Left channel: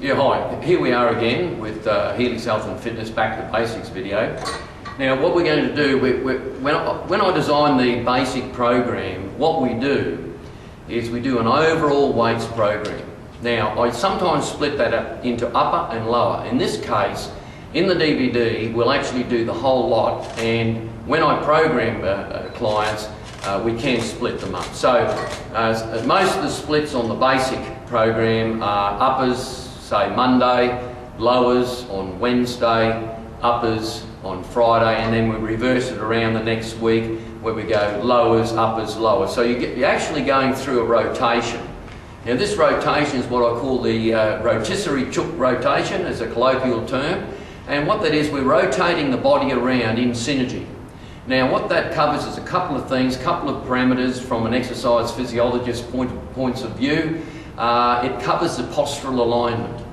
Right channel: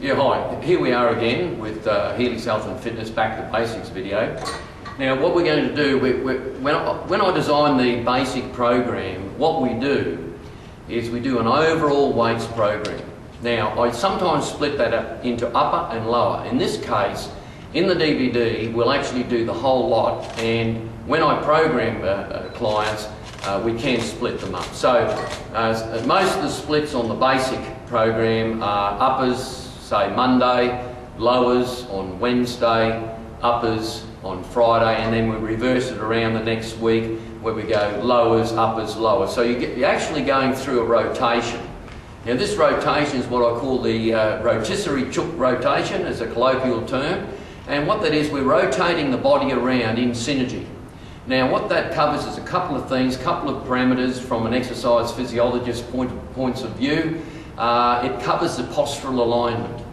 Yeah, hi. Here we are again with Healy's Health and Fitness Back to Basics video. Now, what we're going to do, when I design the basic program, what we do is we do an overall weights program. Now, I sometimes split that up into upper and lower. In this case, in the DVD, we'll actually do the whole lot, and when I program clients, we can split them up. So, most of the splits on the basic program are uppers, say Monday, lowers on Wednesday, uppers on Friday, and then we reverse it around the next week where we go lowers, uppers, lowers. So you're actually going through a rotation. Now this rotation is what I call the rotisserie chook rotation as a colloquial term, and what that is, we're rotating the body around in synergy. Now what that covers is a couple of things, a couple of parameters from an exercise physiologist's points of view. It covers the postural alignment.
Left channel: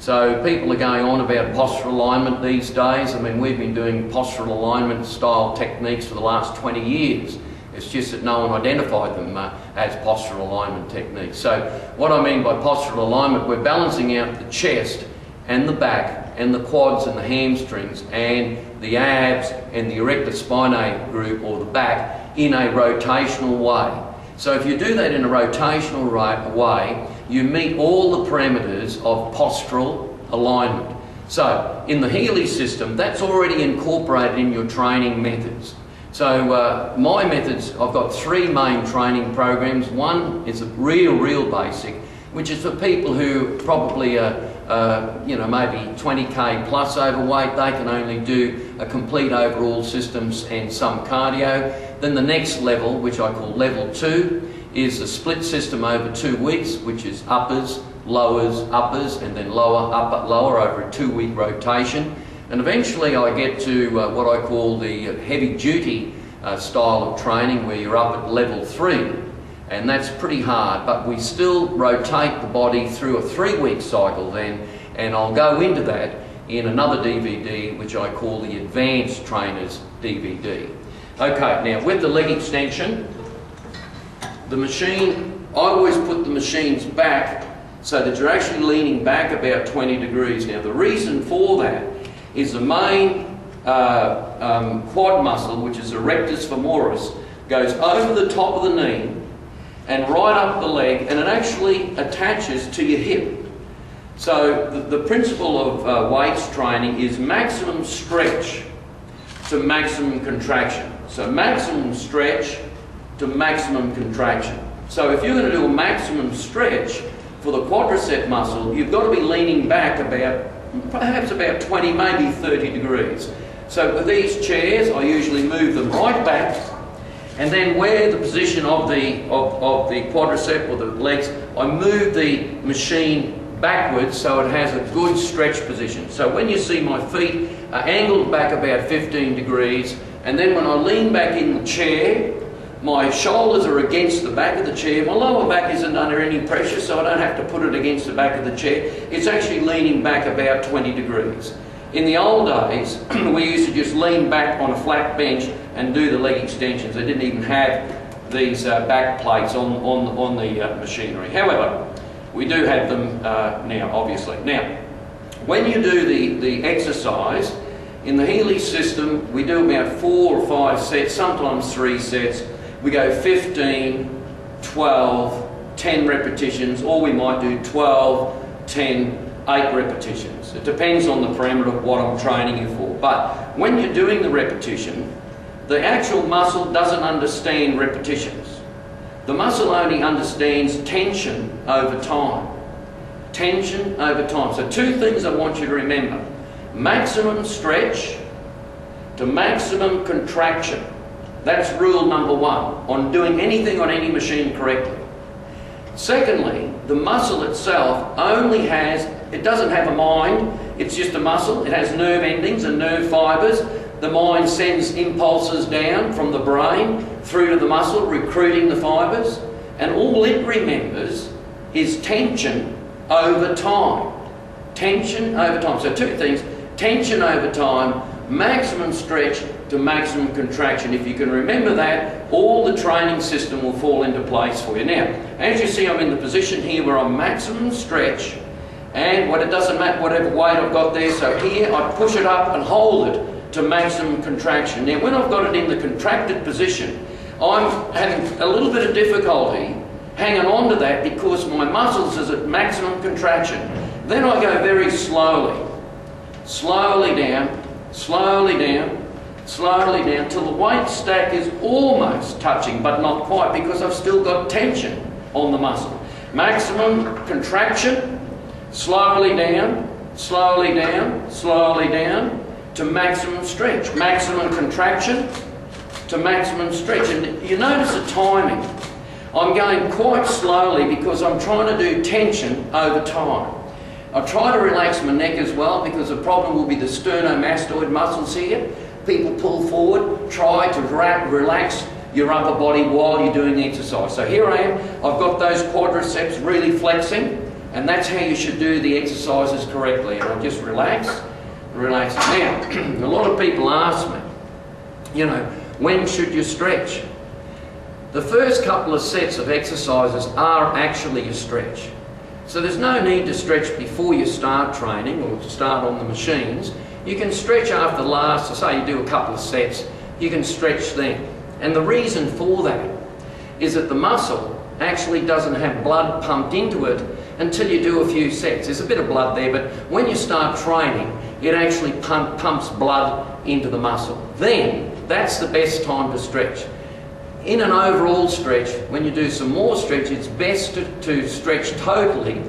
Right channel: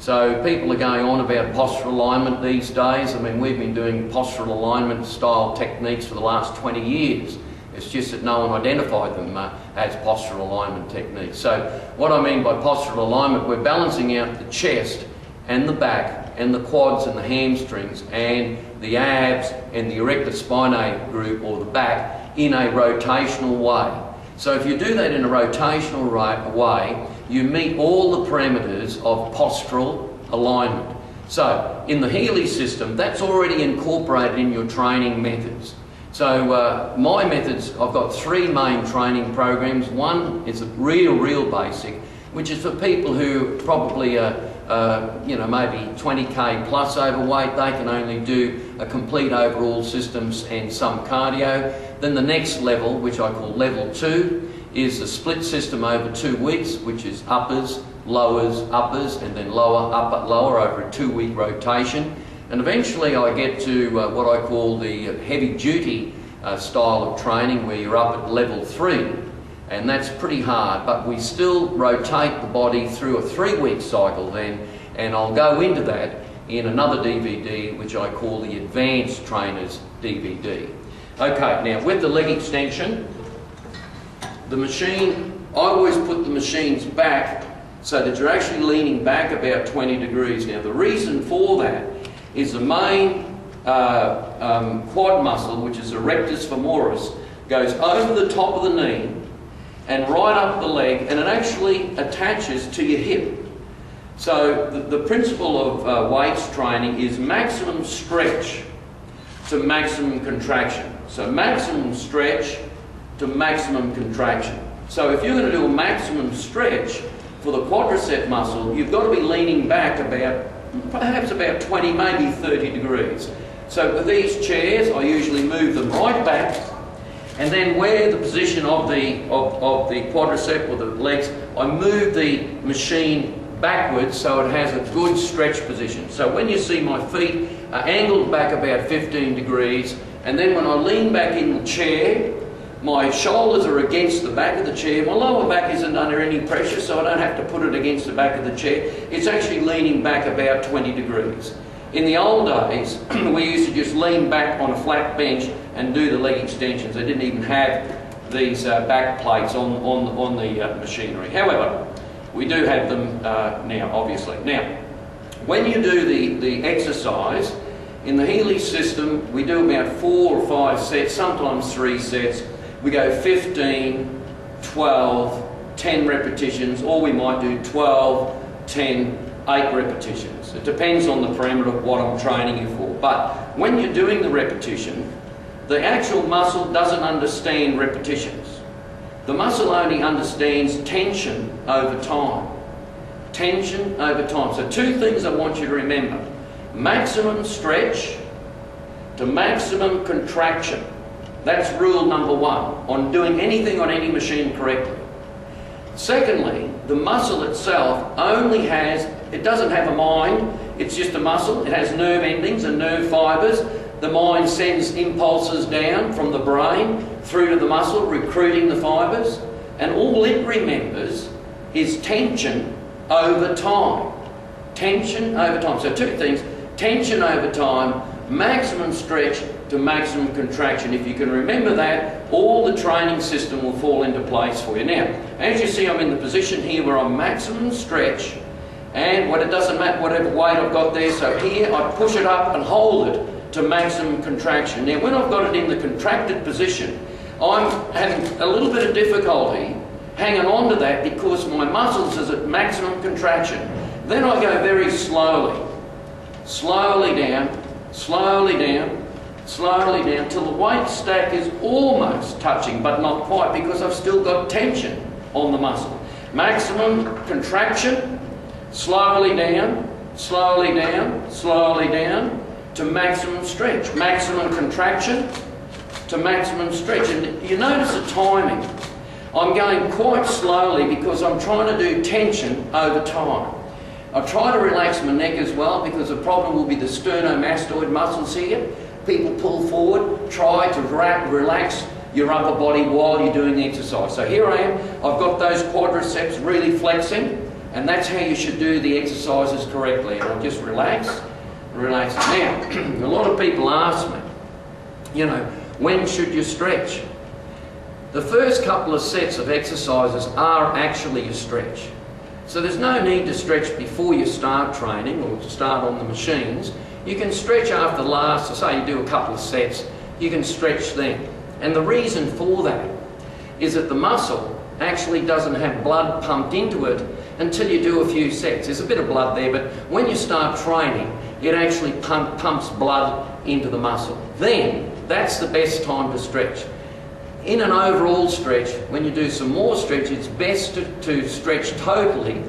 So people are going on about postural alignment these days. I mean, we've been doing postural alignment style techniques for the last 20 years. It's just that no one identified them as postural alignment techniques. So what I mean by postural alignment, we're balancing out the chest and the back and the quads and the hamstrings and the abs and the erector spinae group, or the back, in a rotational way. So if you do that in a rotational way, you meet all the parameters of postural alignment. So in the Healy system, that's already incorporated in your training methods. So my methods, I've got three main training programs. One is a real basic, which is for people who probably are maybe 20k plus overweight. They can only do a complete overall systems and some cardio. Then the next level, which I call level 2, is a split system over 2 weeks, which is uppers, lowers, uppers, and then lower, upper, lower over a 2-week rotation. And eventually I get to what I call the heavy duty style of training, where you're up at level 3. And that's pretty hard, but we still rotate the body through a 3-week cycle then, and I'll go into that in another DVD, which I call the Advanced Trainers DVD. Okay, now with the leg extension, the machine, I always put the machines back so that you're actually leaning back about 20 degrees. Now the reason for that is the main quad muscle, which is erectus femoris, goes over the top of the knee and right up the leg, and it actually attaches to your hip. So the principle of weights training is maximum stretch to maximum contraction. So maximum stretch to maximum contraction. So if you're going to do a maximum stretch for the quadricep muscle, you've got to be leaning back perhaps about 20, maybe 30 degrees. So with these chairs, I usually move them right back, and then where the position of the quadricep or the legs, I move the machine backwards so it has a good stretch position. So when you see my feet are angled back about 15 degrees, and then when I lean back in the chair, my shoulders are against the back of the chair. My lower back isn't under any pressure, so I don't have to put it against the back of the chair. It's actually leaning back about 20 degrees. In the old days, we used to just lean back on a flat bench and do the leg extensions. They didn't even have these back plates on the machinery. However, we do have them now, obviously. Now, when you do the exercise, in the Healy system, we do about 4 or 5 sets, sometimes 3 sets. We go 15, 12, 10 repetitions, or we might do 12, 10, 8 repetitions. It depends on the parameter of what I'm training you for. But when you're doing the repetition, the actual muscle doesn't understand repetitions. The muscle only understands tension over time. Tension over time. So 2 things I want you to remember. Maximum stretch to maximum contraction. That's rule number 1 on doing anything on any machine correctly. Secondly, the muscle itself it doesn't have a mind, it's just a muscle. It has nerve endings and nerve fibres. The mind sends impulses down from the brain through to the muscle, recruiting the fibres, and all it remembers is tension over time. Tension over time. So 2 things, tension over time, maximum stretch to maximum contraction. If you can remember that, all the training system will fall into place for you. Now, as you see, I'm in the position here where I'm maximum stretch And what it doesn't matter, whatever weight I've got there, so here I push it up and hold it to maximum contraction. Now when I've got it in the contracted position, I'm having a little bit of difficulty hanging on to that because my muscles is at maximum contraction. Then I go very slowly, slowly down, slowly down, slowly down, till the weight stack is almost touching, but not quite, because I've still got tension on the muscle. Maximum contraction, slowly down, slowly down, slowly down, to maximum stretch. Maximum contraction to maximum stretch. And you notice the timing. I'm going quite slowly because I'm trying to do tension over time. I try to relax my neck as well, because the problem will be the sternomastoid muscles here. People pull forward, try to relax your upper body while you're doing the exercise. So here I am, I've got those quadriceps really flexing, and that's how you should do the exercises correctly. And I'll just relax, relax. Now, a lot of people ask me, you know, when should you stretch? The first couple of sets of exercises are actually a stretch. So there's no need to stretch before you start training or to start on the machines. You can stretch after the last, so say you do a couple of sets, you can stretch then. And the reason for that is that the muscle actually doesn't have blood pumped into it until you do a few sets. There's a bit of blood there, but when you start training, it actually pumps blood into the muscle. Then, that's the best time to stretch. In an overall stretch, when you do some more stretch, it's best to stretch totally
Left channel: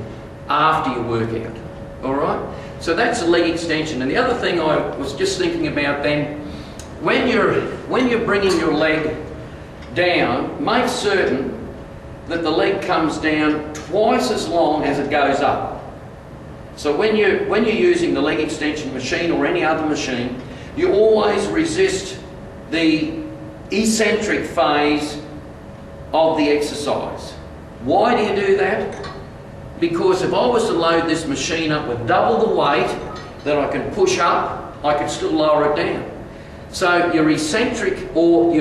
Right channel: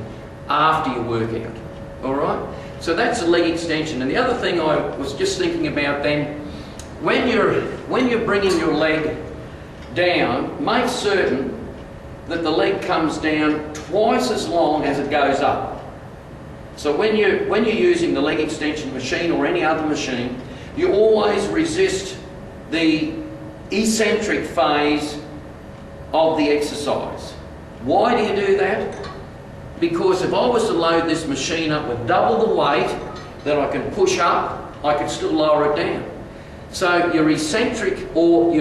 after your workout. All right? So that's a leg extension. And the other thing I was just thinking about then, when you're bringing your leg down, make certain that the leg comes down twice as long as it goes up. So when you're using the leg extension machine or any other machine, you always resist the eccentric phase of the exercise. Why do you do that? Because if I was to load this machine up with double the weight that I can push up, I could still lower it down. So your eccentric, or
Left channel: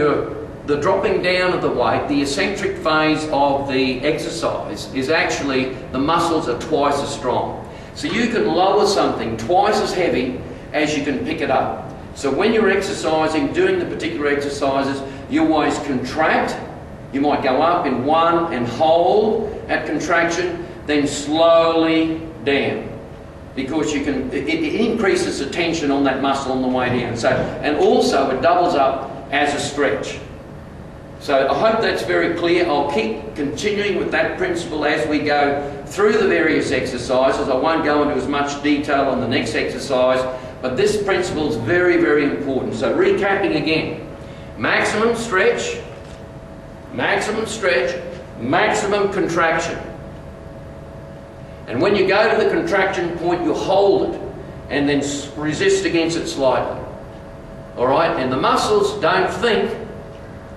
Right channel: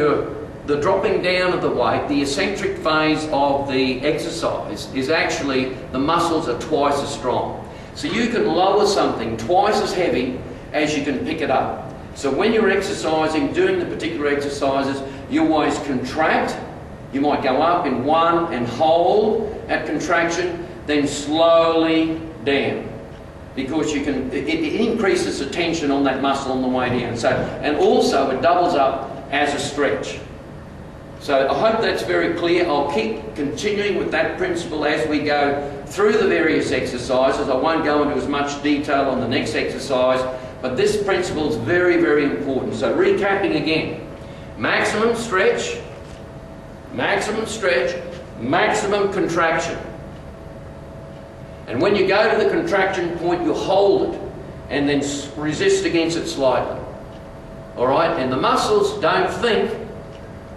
the dropping down of the weight, the eccentric phase of the exercise is actually, the muscles are twice as strong. So you can lower something twice as heavy as you can pick it up. So when you're exercising, doing the particular exercises, you always contract. You might go up in one and hold at contraction, then slowly down. Because you can, it increases the tension on that muscle on the way down. So, and also it doubles up as a stretch. So I hope that's very clear. I'll keep continuing with that principle as we go through the various exercises. I won't go into as much detail on the next exercise, but this principle is very, very important. So recapping again, maximum stretch, maximum contraction. And when you go to the contraction point, you hold it and then resist against it slightly. All right? And the muscles don't think.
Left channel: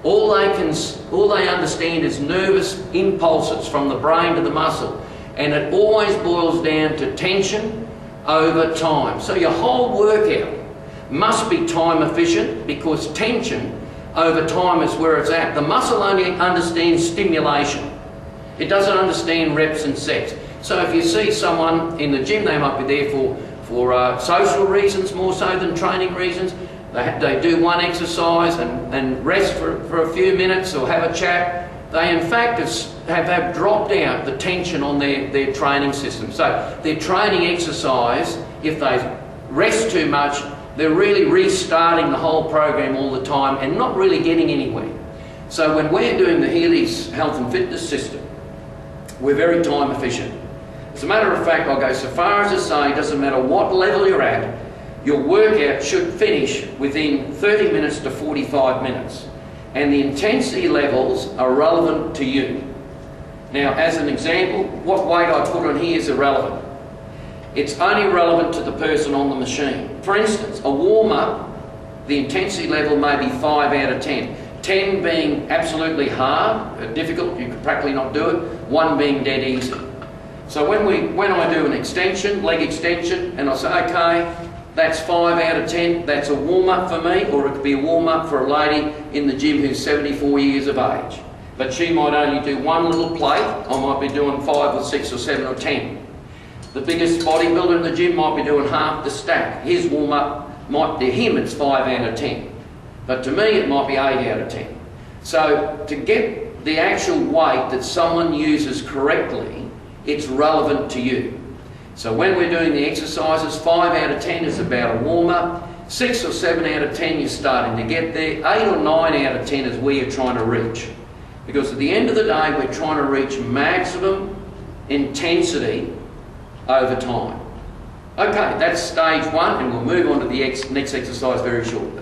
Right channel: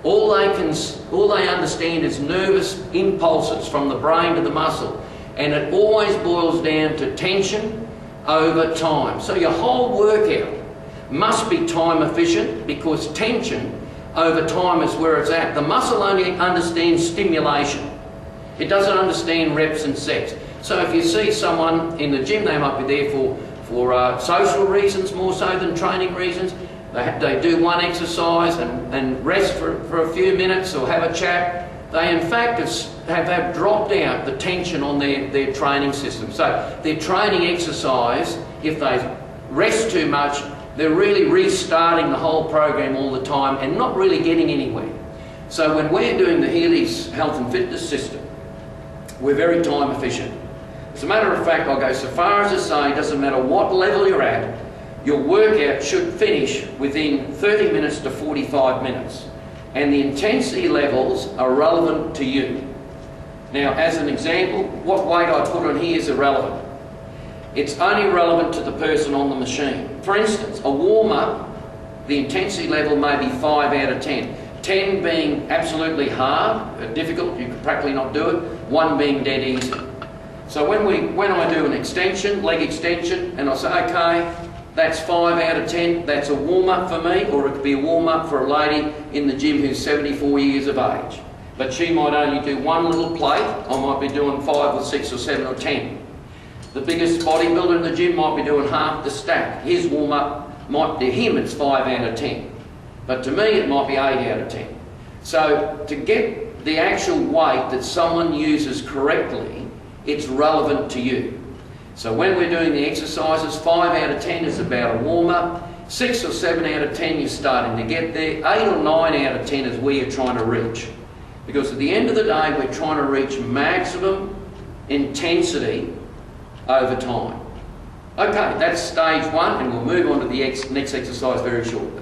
All they understand is nervous impulses from the brain to the muscle. And it always boils down to tension over time. So your whole workout must be time efficient, because tension over time is where it's at. The muscle only understands stimulation. It doesn't understand reps and sets. So if you see someone in the gym, they might be there for social reasons more so than training reasons. They do one exercise and rest for a few minutes or have a chat. They in fact have dropped out the tension on their training system. So their training exercise, if they rest too much, they're really restarting the whole program all the time and not really getting anywhere. So when we're doing the Healy's Health and Fitness System, we're very time efficient. As a matter of fact, I'll go so far as to say, it doesn't matter what level you're at, your workout should finish within 30 minutes to 45 minutes. And the intensity levels are relevant to you. Now, as an example, what weight I put on here is irrelevant. It's only relevant to the person on the machine. For instance, a warm-up, the intensity level may be 5 out of 10. 10 being absolutely hard, difficult, you could practically not do it. 1 being dead easy. So when I do an extension, leg extension, and I say, okay, that's 5 out of 10, that's a warm-up for me, or it could be a warm-up for a lady in the gym who's 74 years of age. But she might only do one little plate, I might be doing 5 or 6 or 7 or 10. The biggest bodybuilder in the gym might be doing half the stack. His warm-up might, to him it's 5 out of 10. But to me it might be 8 out of 10. So to get the actual weight that someone uses correctly, it's relevant to you. So when we're doing the exercises, 5 out of 10 is about a warm-up. 6 or 7 out of 10 you're starting to get there. 8 or 9 out of 10 is where you're trying to reach. Because at the end of the day, we're trying to reach maximum intensity over time. Okay, that's stage 1, and we'll move on to the next exercise very shortly.